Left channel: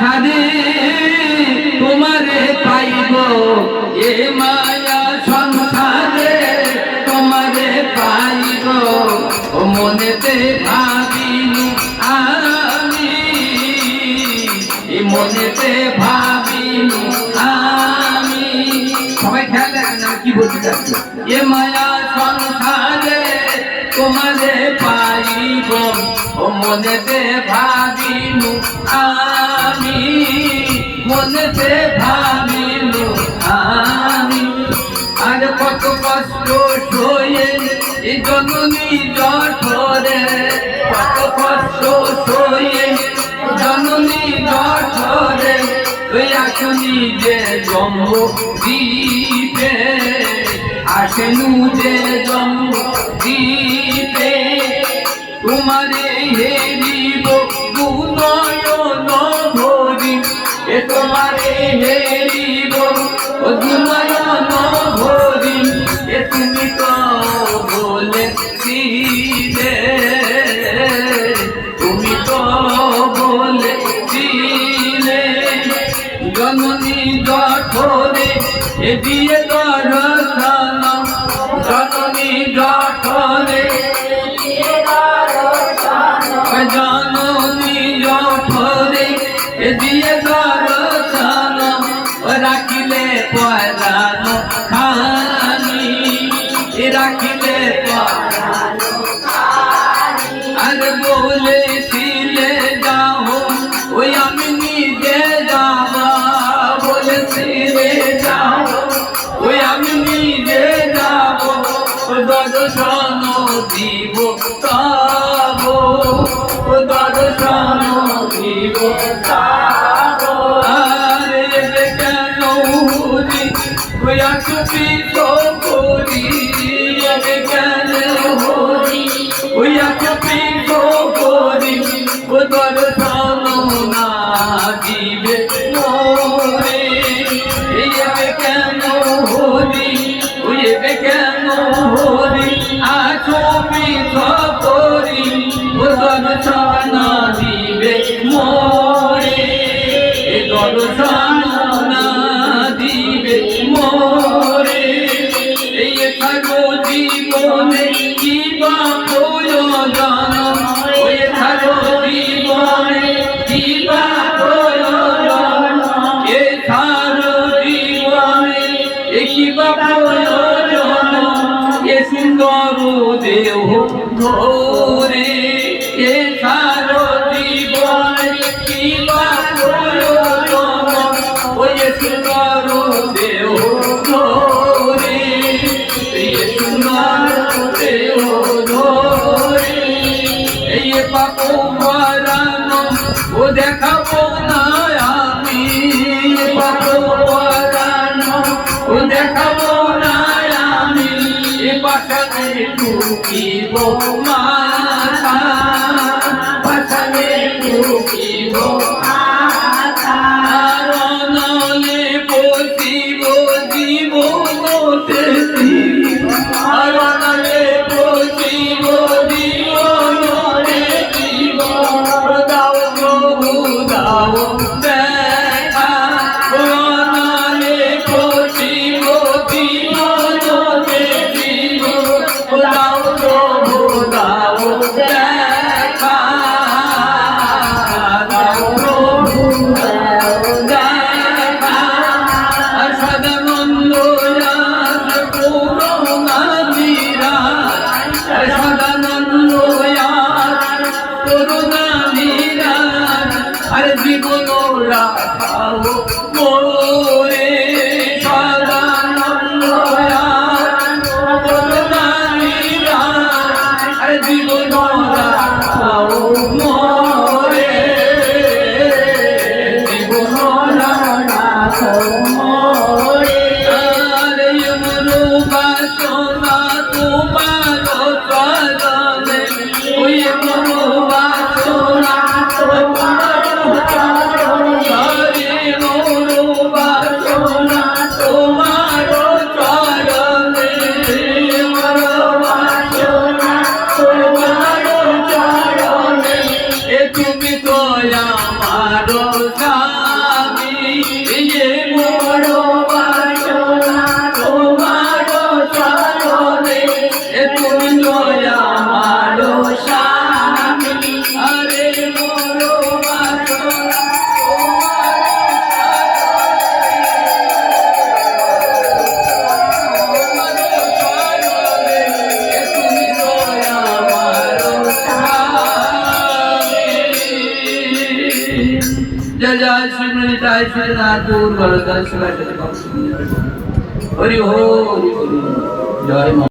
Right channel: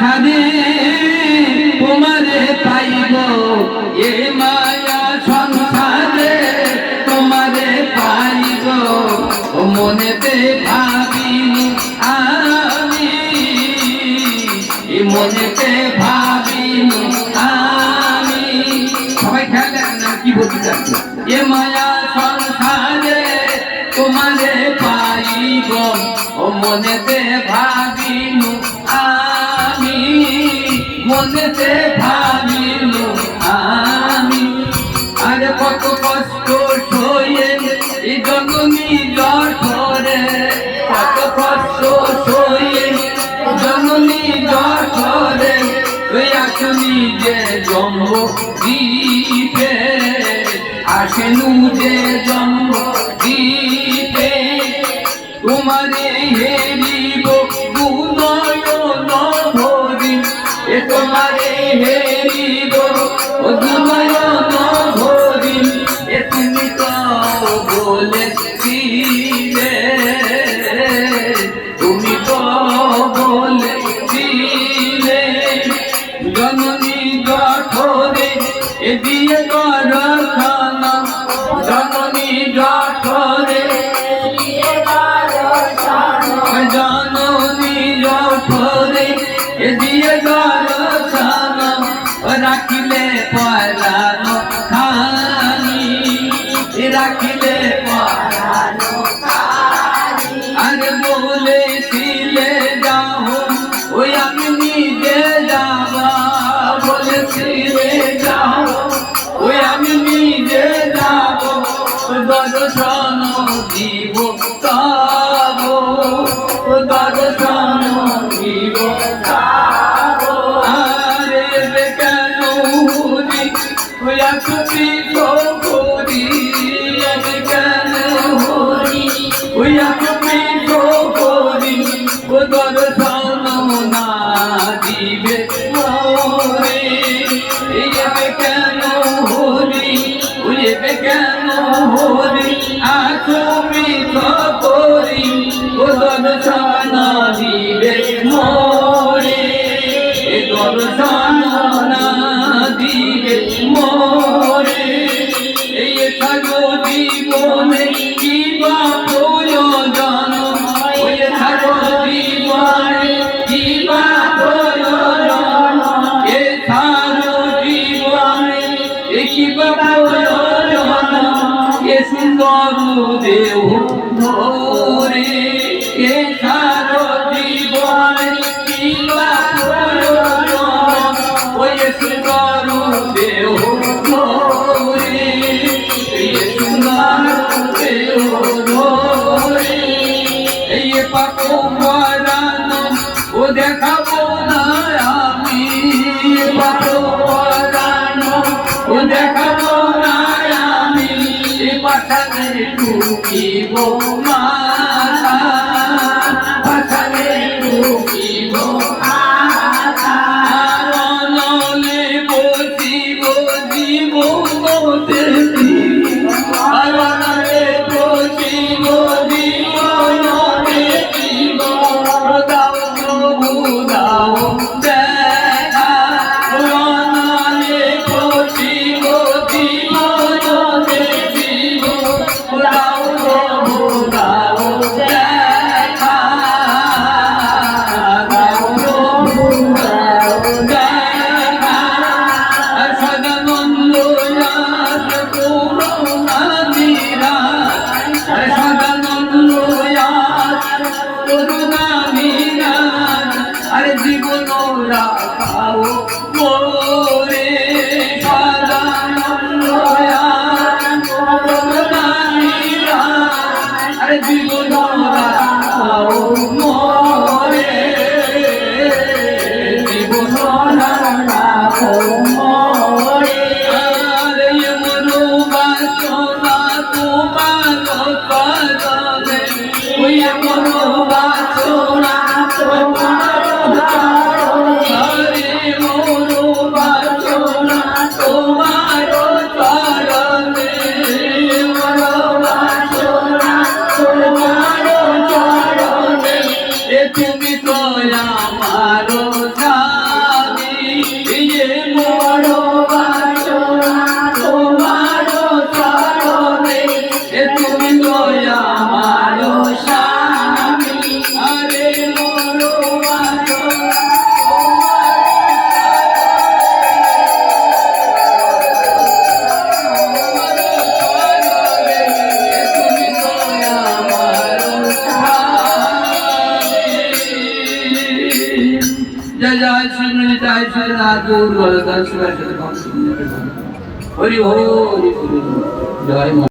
সাদে তোমারে পাইব এ মায়া সংসারে, তোমারে পাইব। ও মনেতে ভাবিনি আমি মনেতে ভাবিনি আমি। সবাই খেয়াল রাখেন কি বলতে চাচ্ছি। এ মায়া সংসারে তোমারে পাইব, ও মনেতে ভাবিনু মনেতে ভাবিনু আমি। আর কত কষ্ট সয়ে এই জননী জঠরে কত কষ্ট সয়ে জননী জঠরে ওই আসনি যে জন্ম দ্বীপে আসেনু যে জন্ম জননী জঠরে এ দিয়ে দর্শন দর্শন দিব তব দর্শন দিব আরে কেন হুরি ওই আকুতি দিবে মোরে। এই থাকো জীবনে কি বা প্রয়োজন। ওই থাকো জীবনে কি বা প্রয়োজন। এ থারো জীবনে কি বা প্রয়োজন। এ সুন্দর দেহ ধরে এ থারো জীবনে কি এই পাবো মারানো ও দেখাবো না আমি। পাবো মারানো ও দেখাবো না আমি। এ পাঠানে টুকিব মাথা, পাঠানে টুকিব জীবন রাখাও আরে জীবন जय जय श्रीमणिताय श्रीनाथूर वरदा शिवाय हरि हो जय